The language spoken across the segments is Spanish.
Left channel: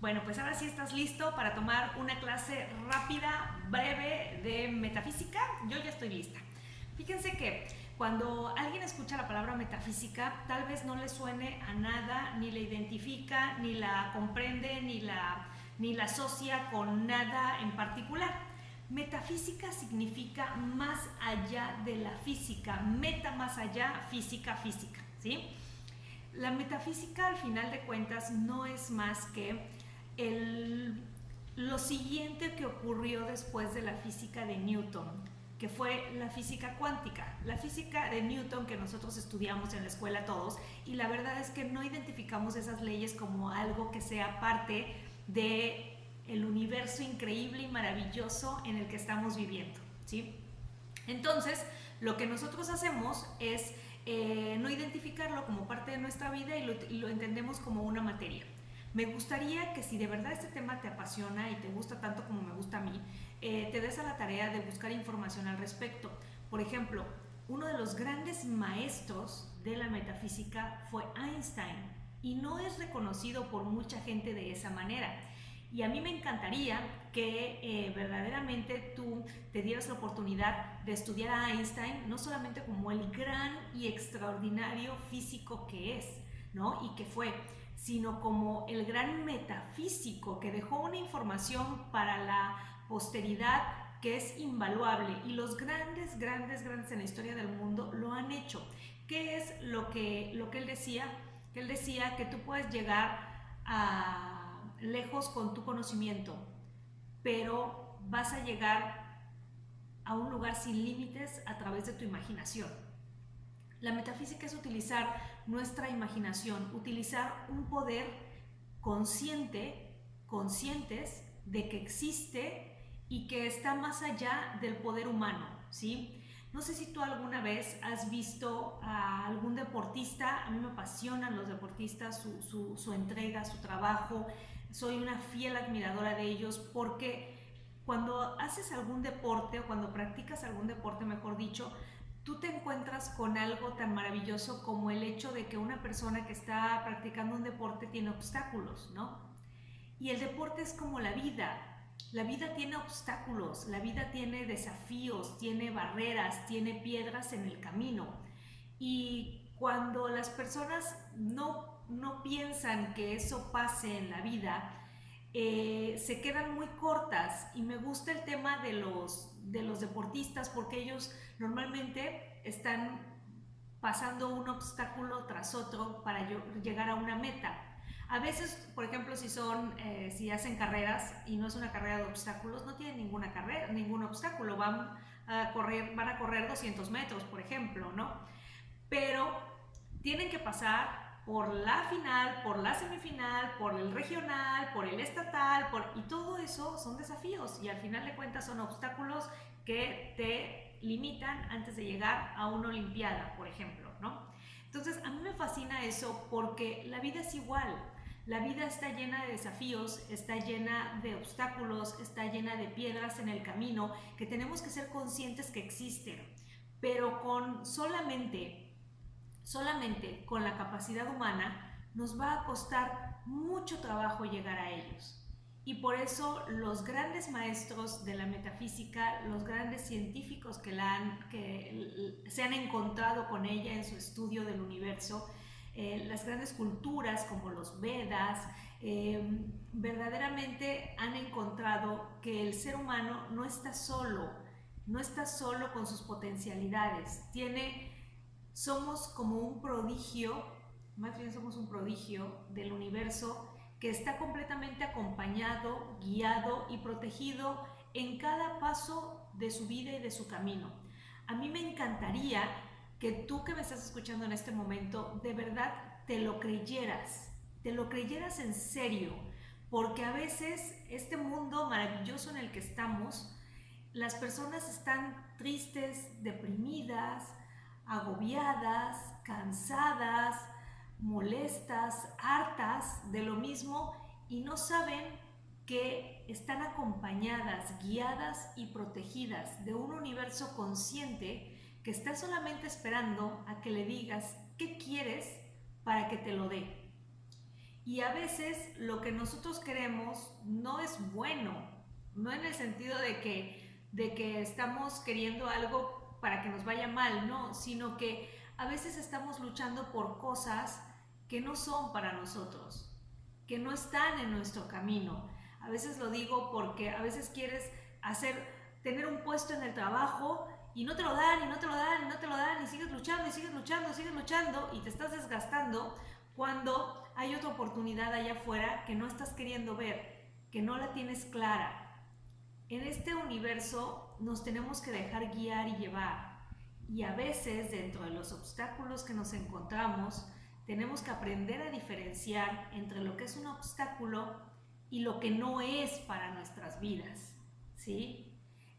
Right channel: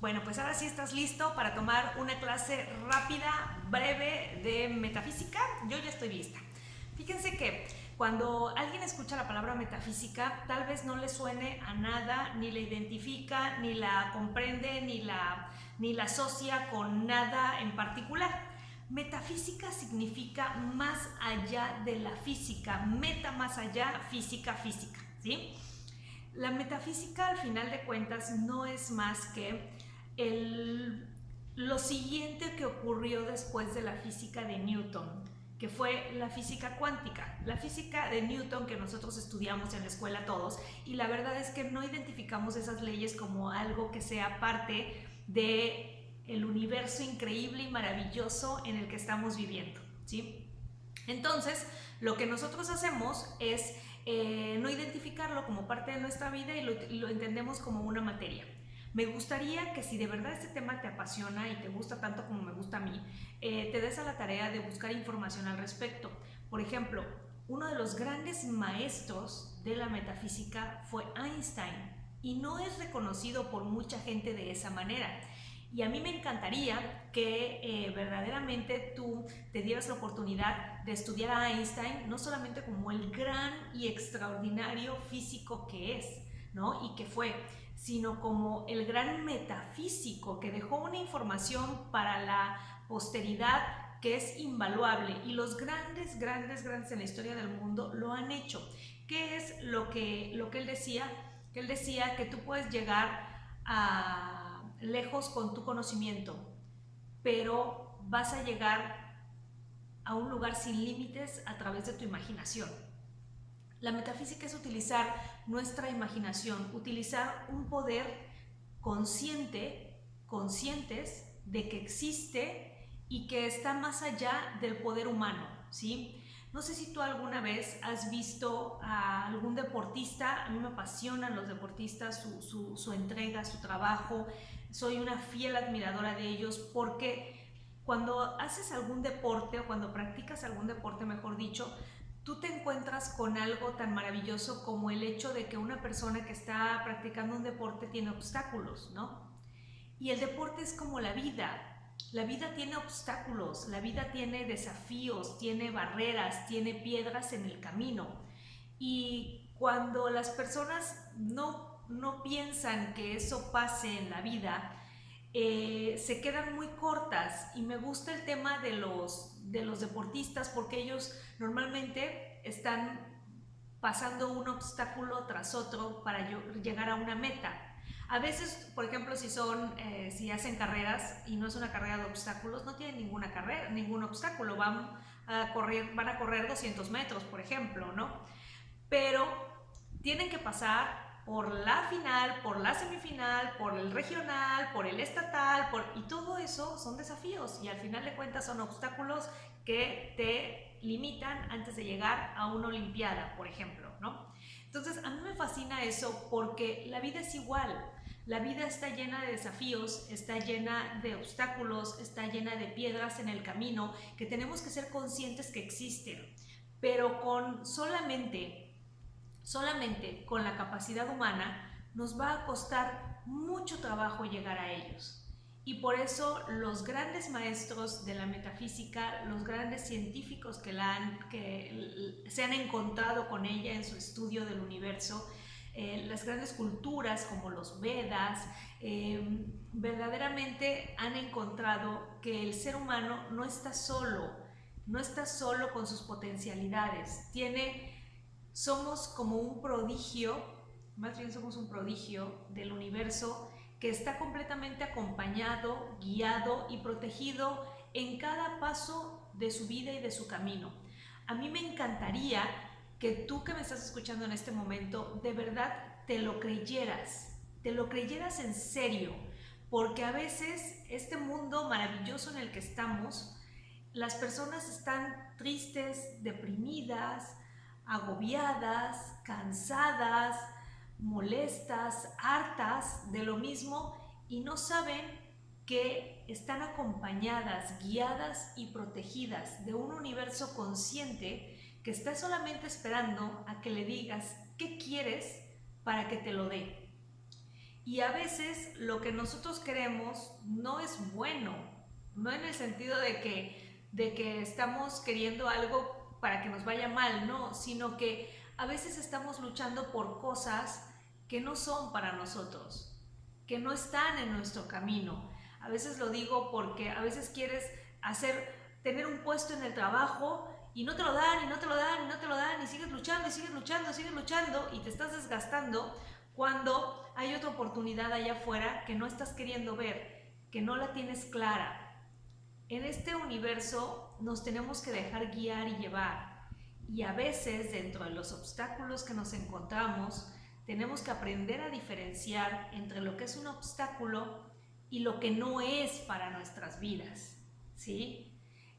Bueno, pues ahora sí estás listo para tomar una clase rápida, breve de metafísica. Yo ya estoy lista. Fíjense que cuando alguien escucha la palabra metafísica, tal vez no le suene a nada, ni la identifica, ni la comprende, ni la asocia con nada en particular. Metafísica significa más allá de la física, meta más allá, física, física, ¿sí? La metafísica, al final de cuentas, no es más que lo siguiente que ocurrió después de la física de Newton, que fue la física cuántica. La física de Newton que nosotros estudiamos en la escuela todos, y la verdad es que no identificamos esas leyes como algo que sea parte de el universo increíble y maravilloso en el que estamos viviendo, ¿sí? Entonces, lo que nosotros hacemos es no identificarlo como parte de nuestra vida y lo entendemos como una materia. Me gustaría que si de verdad este tema te apasiona y te gusta tanto como me gusta a mí, te des a la tarea de buscar información al respecto. Por ejemplo, uno de los grandes maestros de la metafísica fue Einstein y no es reconocido por mucha gente de esa manera. Y a mí me encantaría que verdaderamente tú te dieras la oportunidad de estudiar a Einstein, no solamente como el gran y extraordinario físico que es, ¿no? Y que fue, sino como el gran metafísico que dejó una información para la posteridad que es invaluable, y los grandes en la historia del mundo lo han hecho. ¿Qué es lo que él decía? Que él decía que tú puedes llegar a lejos con tu conocimiento, pero vas a llegar a un lugar sin límites a través de tu imaginación. La metafísica es utilizar nuestra imaginación, utilizar un poder conscientes de que existe y que está más allá del poder humano, ¿sí? No sé si tú alguna vez has visto a algún deportista. A mí me apasionan los deportistas, su entrega, su trabajo. Soy una fiel admiradora de ellos porque cuando haces algún deporte o cuando practicas algún deporte, mejor dicho, tú te encuentras con algo tan maravilloso como el hecho de que una persona que está practicando un deporte tiene obstáculos, ¿no? Y el deporte es como la vida. La vida tiene obstáculos, la vida tiene desafíos, tiene barreras, tiene piedras en el camino. Y cuando las personas no piensan que eso pase en la vida, se quedan muy cortas. Y me gusta el tema de los deportistas porque ellos normalmente están pasando un obstáculo tras otro para llegar a una meta. A veces, por ejemplo, si hacen carreras y no es una carrera de obstáculos, no tienen ningún obstáculo, van a correr 200 metros, por ejemplo, ¿no? Pero tienen que pasar por la final, por la semifinal, por el regional, por el estatal, y todo eso son desafíos, y al final de cuentas son obstáculos que te limitan antes de llegar a una olimpiada, por ejemplo, ¿no? Entonces, a mí me fascina eso porque la vida es igual. La vida está llena de desafíos, está llena de obstáculos, está llena de piedras en el camino que tenemos que ser conscientes que existen, pero solamente con la capacidad humana nos va a costar mucho trabajo llegar a ellos. Y por eso los grandes maestros de la metafísica, los grandes científicos que se han encontrado con ella en su estudio del universo, las grandes culturas como los Vedas, verdaderamente han encontrado que el ser humano no está solo con sus potencialidades. Somos como un prodigio, más bien somos un prodigio del universo que está completamente acompañado, guiado y protegido en cada paso de su vida y de su camino. A mí me encantaría que tú que me estás escuchando en este momento, de verdad te lo creyeras en serio, porque a veces este mundo maravilloso en el que estamos, las personas están tristes, deprimidas, agobiadas, cansadas, molestas, hartas de lo mismo, y no saben que están acompañadas, guiadas y protegidas de un universo consciente que está solamente esperando a que le digas qué quieres para que te lo dé. Y a veces lo que nosotros queremos no es bueno, no en el sentido de que estamos queriendo algo para que nos vaya mal, no, sino que a veces estamos luchando por cosas que no son para nosotros, que no están en nuestro camino. A veces lo digo porque a veces quieres tener un puesto en el trabajo y no te lo dan, y no te lo dan, y no te lo dan, y sigues luchando, y sigues luchando, sigues luchando, y te estás desgastando cuando hay otra oportunidad allá afuera que no estás queriendo ver, que no la tienes clara. En este universo nos tenemos que dejar guiar y llevar. Y a veces, dentro de los obstáculos que nos encontramos, tenemos que aprender a diferenciar entre lo que es un obstáculo y lo que no es para nuestras vidas, ¿sí?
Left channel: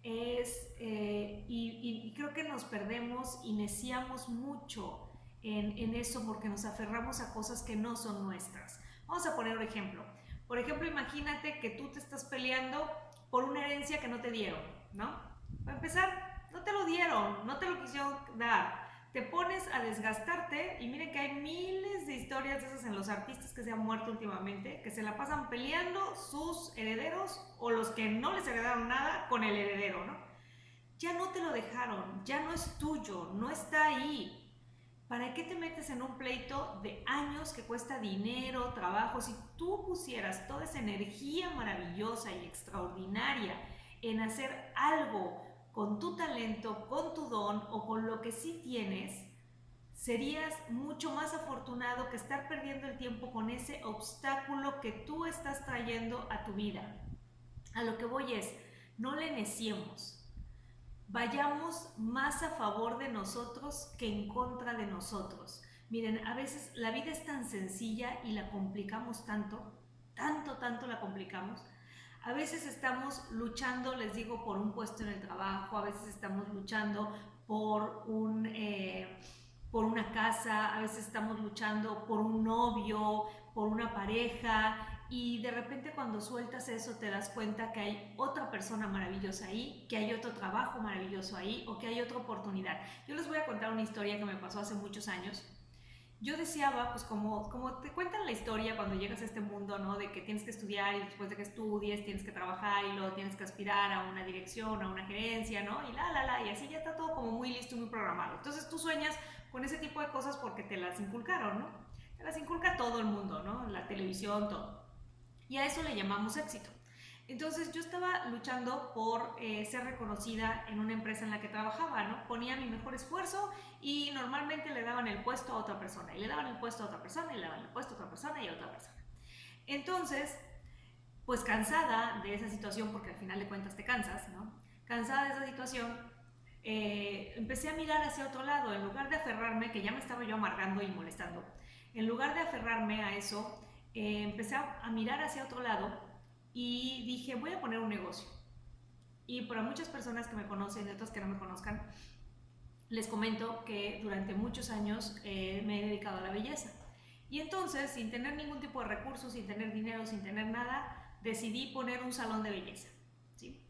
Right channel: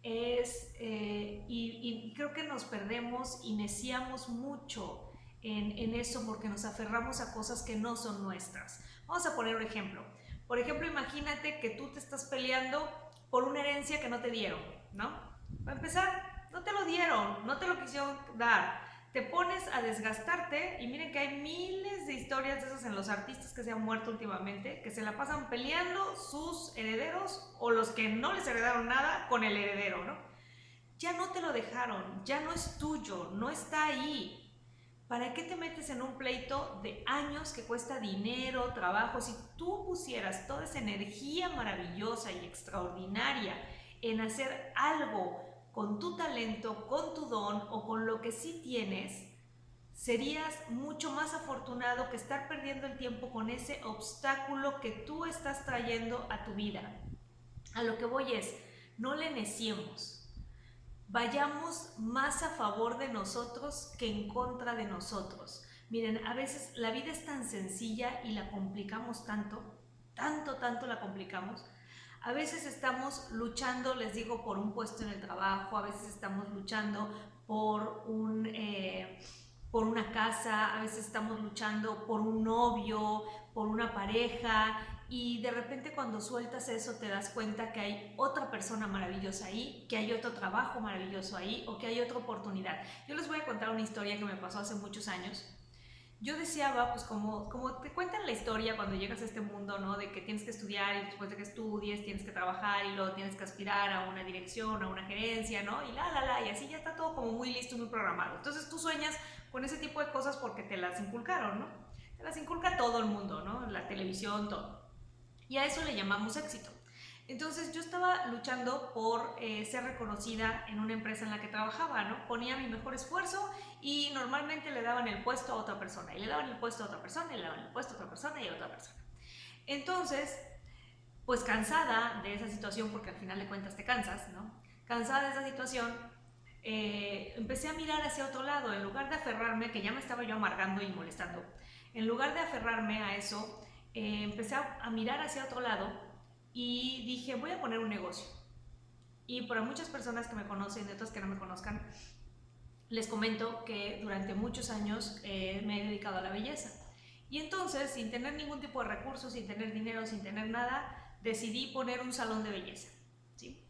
Y creo que nos perdemos y neciamos mucho en eso porque nos aferramos a cosas que no son nuestras. Vamos a poner un ejemplo. Por ejemplo, imagínate que tú te estás peleando por una herencia que no te dieron, ¿no? Para empezar, no te lo dieron, no te lo quisieron dar. Te pones a desgastarte y miren que hay miles de historias de esas en los artistas que se han muerto últimamente, que se la pasan peleando sus herederos o los que no les heredaron nada con el heredero, ¿no? Ya no te lo dejaron, ya no es tuyo, no está ahí. ¿Para qué te metes en un pleito de años que cuesta dinero, trabajo? Si tú pusieras toda esa energía maravillosa y extraordinaria en hacer algo con tu talento, con tu don o con lo que sí tienes, serías mucho más afortunado que estar perdiendo el tiempo con ese obstáculo que tú estás trayendo a tu vida. A lo que voy es, no le neciemos. Vayamos más a favor de nosotros que en contra de nosotros. Miren, a veces la vida es tan sencilla y la complicamos tanto, tanto la complicamos. A veces estamos luchando, les digo, por un puesto en el trabajo, a veces estamos luchando por una casa, a veces estamos luchando por un novio, por una pareja, y de repente cuando sueltas eso te das cuenta que hay otra persona maravillosa ahí, que hay otro trabajo maravilloso ahí o que hay otra oportunidad. Yo les voy a contar una historia que me pasó hace muchos años. Yo deseaba, pues como te cuentan la historia cuando llegas a este mundo, ¿no? De que tienes que estudiar y después de que estudies tienes que trabajar y luego tienes que aspirar a una dirección, a una gerencia, ¿no? Y y así ya está todo como muy listo, muy programado. Entonces tú sueñas con ese tipo de cosas porque te las inculcaron, ¿no? Te las inculca todo el mundo, ¿no? La televisión, todo. Y a eso le llamamos éxito. Entonces yo estaba luchando por ser reconocida en una empresa en la que trabajaba, ¿no? Ponía mi mejor esfuerzo y normalmente le daban el puesto a otra persona, y le daban el puesto a otra persona, y le daban el puesto a otra persona y a otra persona. Entonces, pues cansada de esa situación, porque al final de cuentas te cansas, ¿no? Cansada de esa situación, empecé a mirar hacia otro lado, en lugar de aferrarme, que ya me estaba yo amargando y molestando, en lugar de aferrarme a eso, empecé a mirar hacia otro lado y dije, voy a poner un negocio. Y para muchas personas que me conocen y otras que no me conozcan, les comento que durante muchos años me he dedicado a la belleza. Y entonces, sin tener ningún tipo de recursos, sin tener dinero, sin tener nada, decidí poner un salón de belleza, ¿sí?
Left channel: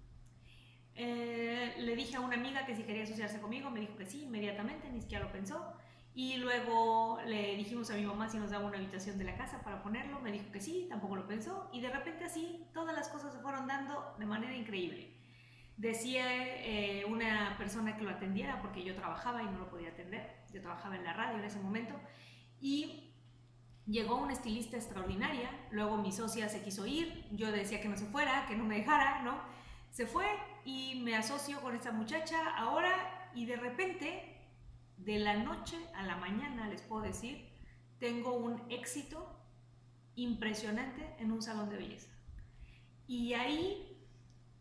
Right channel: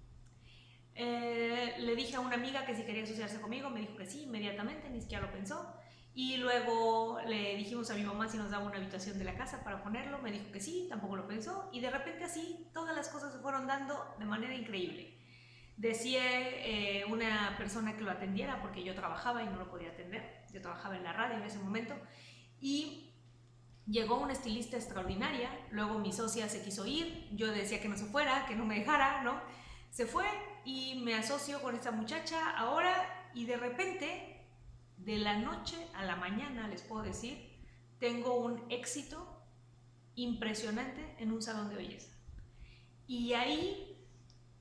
Le dije a una amiga que si quería asociarse conmigo, me dijo que sí, inmediatamente, ni siquiera lo pensó. Y luego le dijimos a mi mamá si nos daba una habitación de la casa para ponerlo, me dijo que sí, tampoco lo pensó, y de repente así todas las cosas se fueron dando de manera increíble. Decía una persona que lo atendiera porque yo trabajaba y no lo podía atender, yo trabajaba en la radio en ese momento, y llegó una estilista extraordinaria, luego mi socia se quiso ir, yo decía que no se fuera, que no me dejara, ¿no? Se fue y me asocio con esta muchacha ahora, y de repente, de la noche a la mañana, les puedo decir, tengo un éxito impresionante en un salón de belleza. Y ahí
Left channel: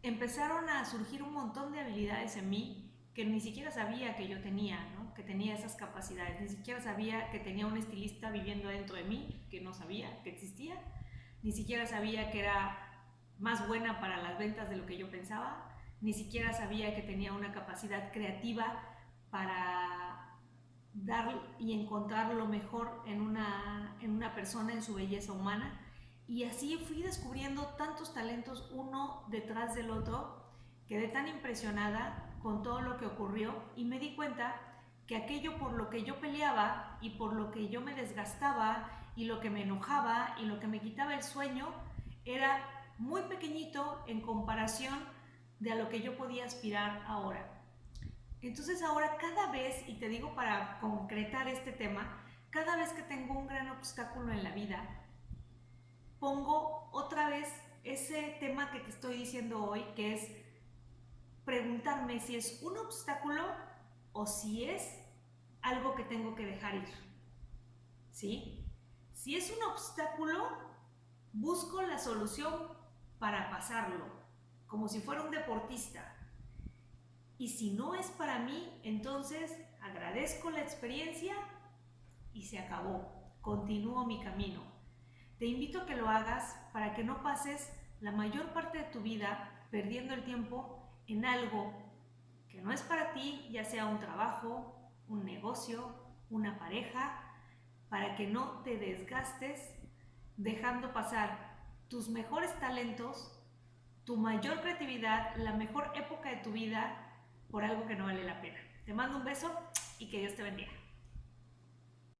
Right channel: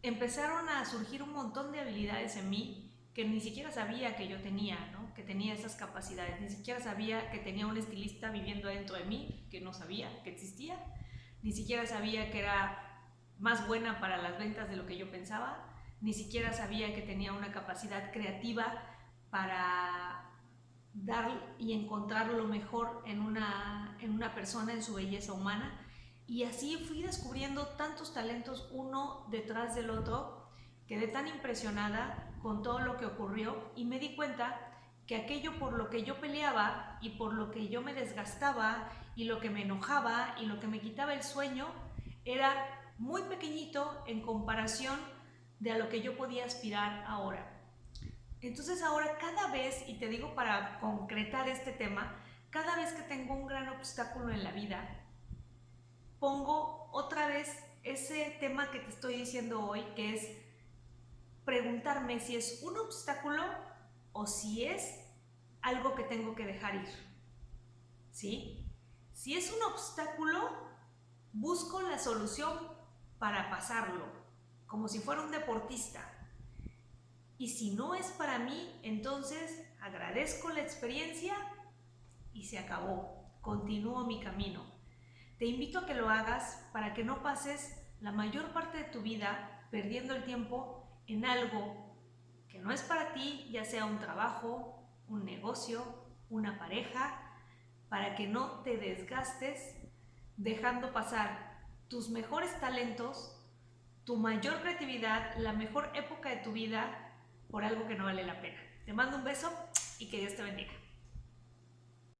empezaron a surgir un montón de habilidades en mí que ni siquiera sabía que yo tenía, ¿no? Que tenía esas capacidades, ni siquiera sabía que tenía un estilista viviendo dentro de mí, que no sabía que existía, ni siquiera sabía que era más buena para las ventas de lo que yo pensaba, ni siquiera sabía que tenía una capacidad creativa para dar y encontrar lo mejor en una persona, en su belleza humana. Y así fui descubriendo tantos talentos uno detrás del otro, quedé tan impresionada con todo lo que ocurrió y me di cuenta que aquello por lo que yo peleaba y por lo que yo me desgastaba y lo que me enojaba y lo que me quitaba el sueño era muy pequeñito en comparación de a lo que yo podía aspirar ahora. Entonces ahora cada vez, y te digo para concretar este tema, cada vez que tengo un gran obstáculo en la vida, pongo otra vez ese tema que te estoy diciendo hoy, que es preguntarme si es un obstáculo o si es algo que tengo que dejar ir. ¿Sí? Si es un obstáculo, busco la solución para pasarlo, como si fuera un deportista. Y si no es para mí, entonces agradezco la experiencia y se acabó. Continúo mi camino. Te invito a que lo hagas para que no pases la mayor parte de tu vida perdiendo el tiempo en algo que no es para ti, ya sea un trabajo, un negocio, una pareja, para que no te desgastes dejando pasar tus mejores talentos, tu mayor creatividad, la mejor época de tu vida por algo que no vale la pena. Te mando un beso y que Dios te bendiga.